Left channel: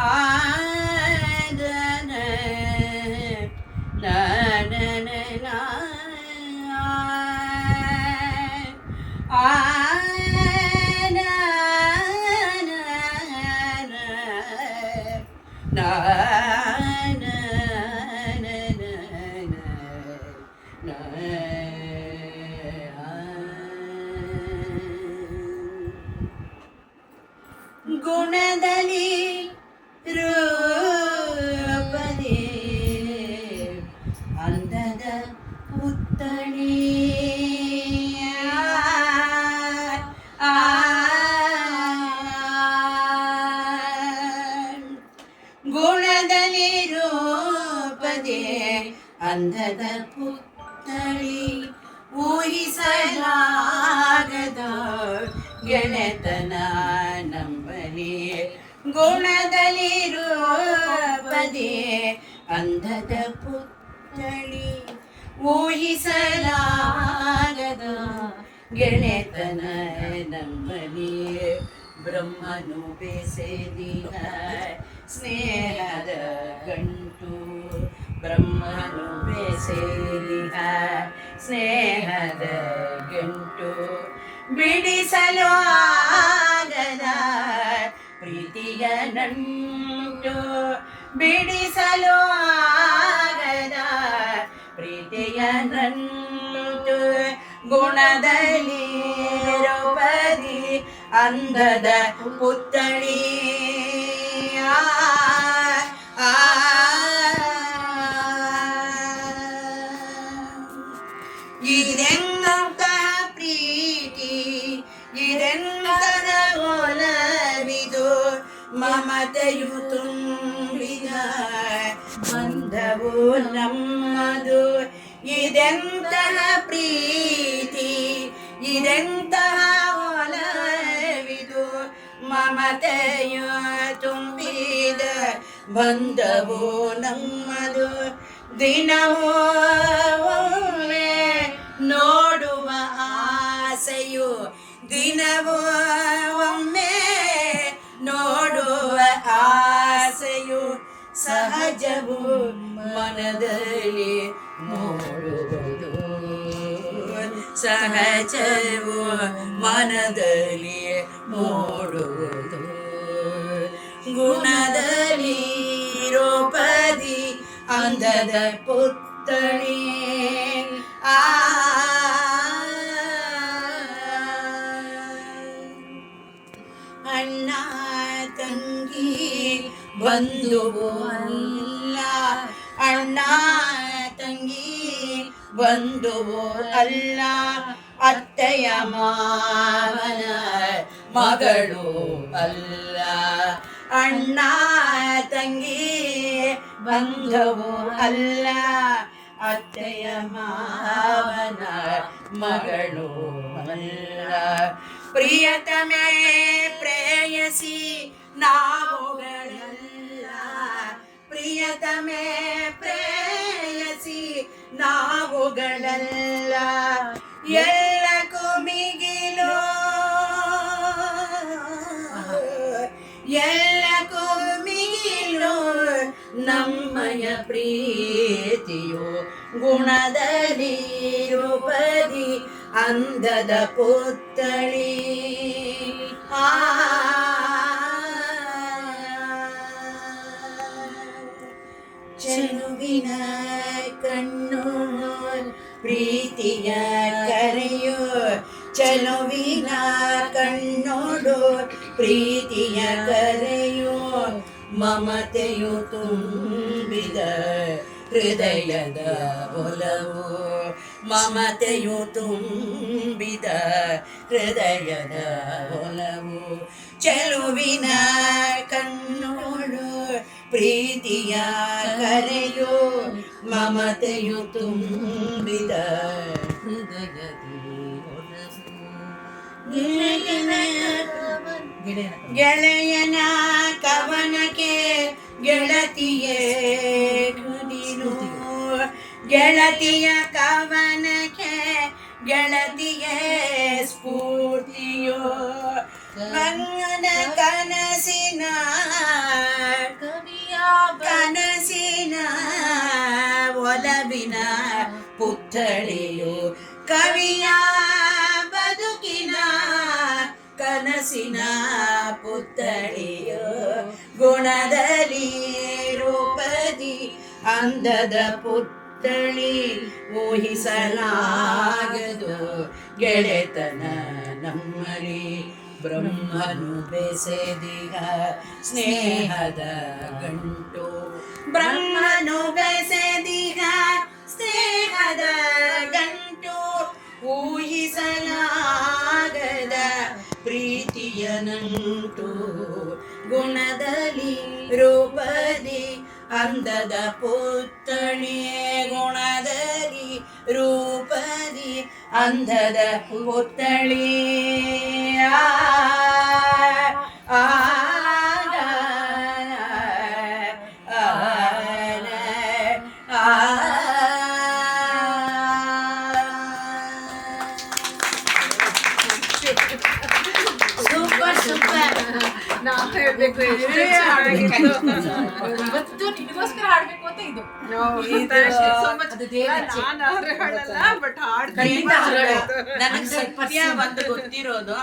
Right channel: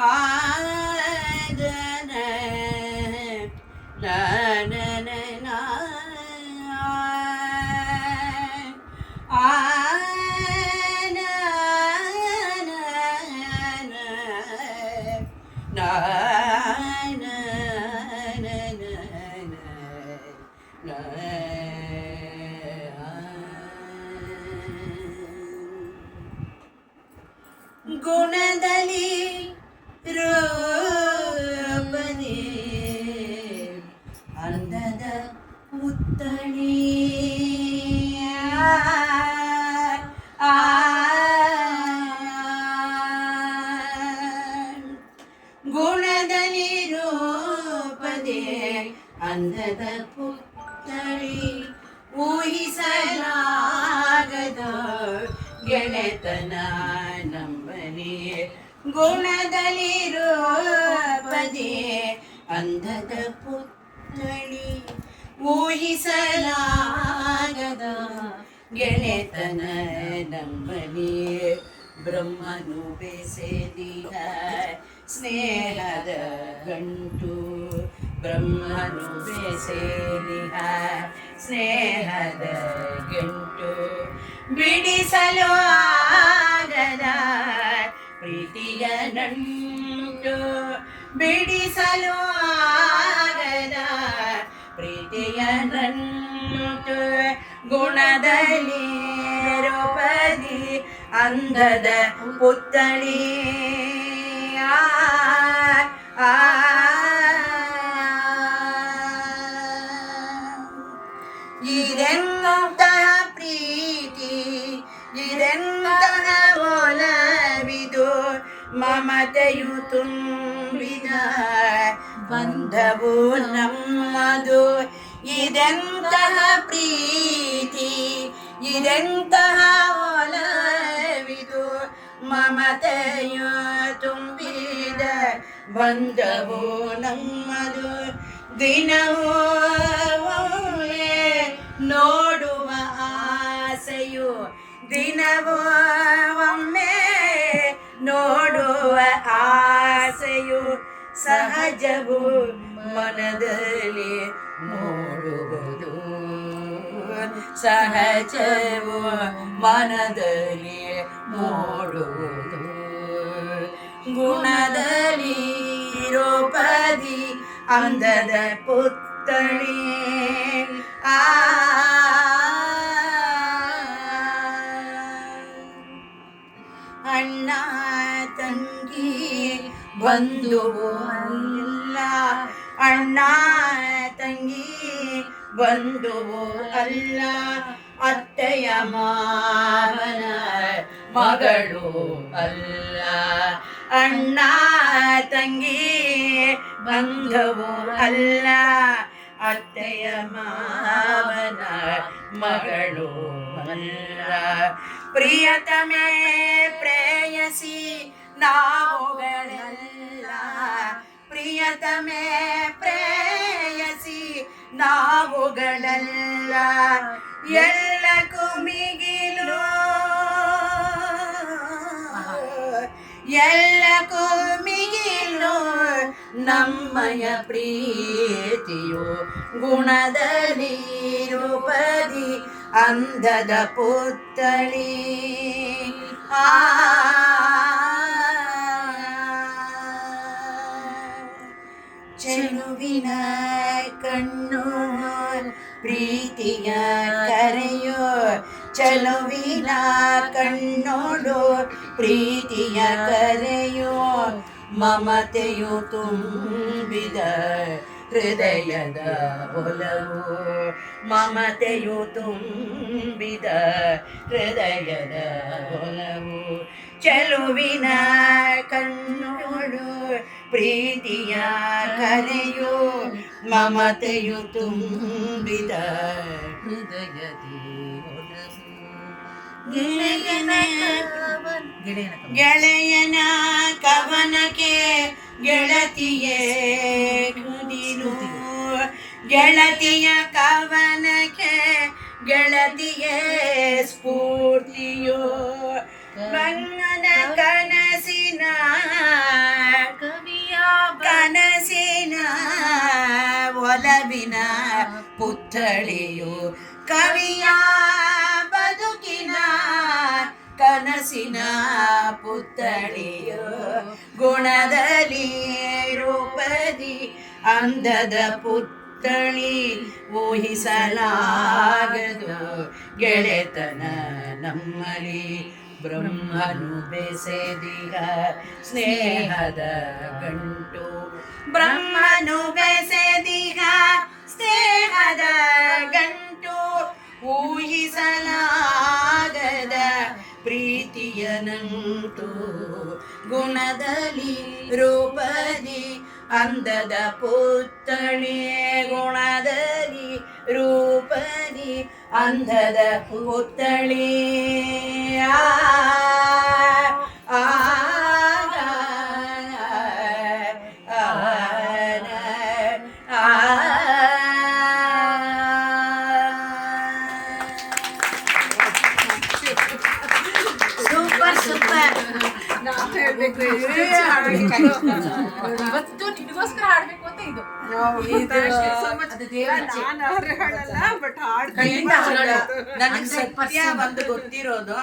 ಆದನ ನನ ಆನ ಗುಣದಲ್ಲಿ ರೂಪದಿ ಅಂದದ ಪುತ್ಥಳಿ ಗುಣದಲ್ಲಿ ರೂಪದೆ ಅಂದದ ಪುತ್ಥಳಿ ಊಹಿಸಲಾಗದ ಗೆಳೆತನ ನಂಬಲಿ ಗುಣದಲ್ಲಿ ರೂಪದೆ ಅಂದದ ಪುತ್ಥಳಿ ಊಹಿಸಲಾಗದ ಗೆಳೆತನ ನಂಬಲಿ ಬ್ರಹ್ಮನು ಬೆಸೆದಿಹ ಸ್ನೇಹದ ಗಂಟು ಬ್ರಹ್ಮನು ಬೆಸೆದಿಹ ಸ್ನೇಹದ ಗಂಟು ಬಿಡಿಸಲು ಆಗದ ಪ್ರೀತಿಯ ನಂಟು ಬಿಡಿಸಲು ಆಗದ ಪ್ರೀತಿಯ ನಂಟು ಗುಣದಲ್ಲಿ ರೂಪದಿ ಅಂದದ ಪುತ್ಥಳಿ ಇದೆಂತಹ ಪ್ರೀತಿ ಇದೆಂತಹ ಒಲವಿದು ಮಮತೆಯು ತುಂಬಿದ ಬಂಧವು ನಮ್ಮದು ಇದೆಂತಹ ಪ್ರೀತಿ ಇದೆಂತಹ ಒಲವಿದು ಮಮತೆಯು ತುಂಬಿದ ಬಂಧವು ನಮ್ಮದು ದಿನವೂ ಒಮ್ಮೆ ನೋಡುವ ಆಸೆಯು ದಿನವೂ ಒಮ್ಮೆ ನೋಡುವ ಆಸೆಯು ಸಹಜವು ಮನದಲ್ಲಿ ಮೂಡುವುದು ಸಹಜವು ಮನದಲ್ಲಿ ಮೂಡುವುದು ಗುಣದಲ್ಲಿ ರೂಪದಿ ಅಂದದ ಪುತ್ಥಳಿ ಅಣ್ಣ ತಂಗಿ ಬಂಧುವು ಅಲ್ಲ ಅಣ್ಣ ತಂಗಿ ಬಂಧುವು ಅಲ್ಲ ಅತ್ತೆಯ ಮಾವನ ಮಗಳು ಅಲ್ಲ ಅಣ್ಣ ತಂಗಿ ಬಂಧುವು ಅಲ್ಲ ಅತ್ತೆಯ ಮಾವನ ಮಗಳು ಅಲ್ಲ ಪ್ರಿಯತಮೇ ಪ್ರೇಯಸಿ ನಾವುಗಳಲ್ಲ ಪ್ರಿಯತಮೇ ಪ್ರೇಯಸಿ ನಾವುಗಳಲ್ಲ ಎಲ್ಲಕ್ಕೂ ಮಿಗಿಲು ಎಲ್ಲಕ್ಕೂ ಮಿಗಿಲು ನಮ್ಮಯ ಪ್ರೀತಿಯು ಗುಣದಲ್ಲಿ ರೂಪದಿ ಅಂದದ ಪುತ್ಥಳಿ ಚೆಲುವಿನ ಕಣ್ಣು ಪ್ರೀತಿಯ ಕರೆಯೋ ಚೆಲುವಿನ ಕಣ್ಣೋಡು ಪ್ರೀತಿಯ ಕರೆಯೋ ಮಮತೆಯು ತುಂಬಿದ ಹೃದಯದ ಒಲವು ಮಮತೆಯು ತುಂಬಿದ ಹೃದಯದ ಒಲವು ಚೆಲುವಿನ ಕಣ್ಣೋಡು ಪ್ರೀತಿಯ ಕರೆಯೋ ಮಮತೆಯು ತುಂಬಿದ ಹೃದಯದಿ ಗೆಳೆಯನ ಕವನಕ್ಕೆ ಗೆಳತಿಯೇ ಕುದಿರು ಗೆಳತಿಯ ಕವನಕ್ಕೆ ಗೆಳತಿಯೇ ಸ್ಫೂರ್ತಿಯೋ ಗಂಗನ ಕನಸಿನ ಪುತ್ಥಳಿಯು ಕವಿಯ ಬದುಕಿನ ಕನಸಿನ ಪುತ್ಥಳಿಯು ಗುಣದಲ್ಲಿ ರೂಪದಿ ಅಂದದ ಪುತ್ಥಳಿ ಊಹಿಸಲಾಗದು ಗೆಳೆತನ ನಮ್ಮಲ್ಲಿ ಬ್ರಹ್ಮನು ಬೆಸೆದಿರ ಸ್ನೇಹದ ಗಂಟು ಬ್ರಹ್ಮನು ಬೆಸೆದಿಗ ಸ್ನೇಹದ ಗಂಟು ಊಹಿಸಲಾಗದ ಪ್ರೀತಿಯ ನಂಟು ಗುಣದಲ್ಲಿ ರೂಪದಿ ಅಂದದ ಪುತ್ಥಳಿ ಗುಣದಲ್ಲಿ ರೂಪದಿ ಅಂದದ ಪುತ್ಥಳಿ ಆ ಆ ಸೂಪರ್ ಸೂಪರ್. ಇವತ್ತು ನಿಮಗೋಸ್ಕರ ಹಾಡ್ಬೇಕು ಅಂತ ಇದು ನನಗೆ ಸತ್ಯ ಒಂದು ಗೊತ್ತಿರೋದು,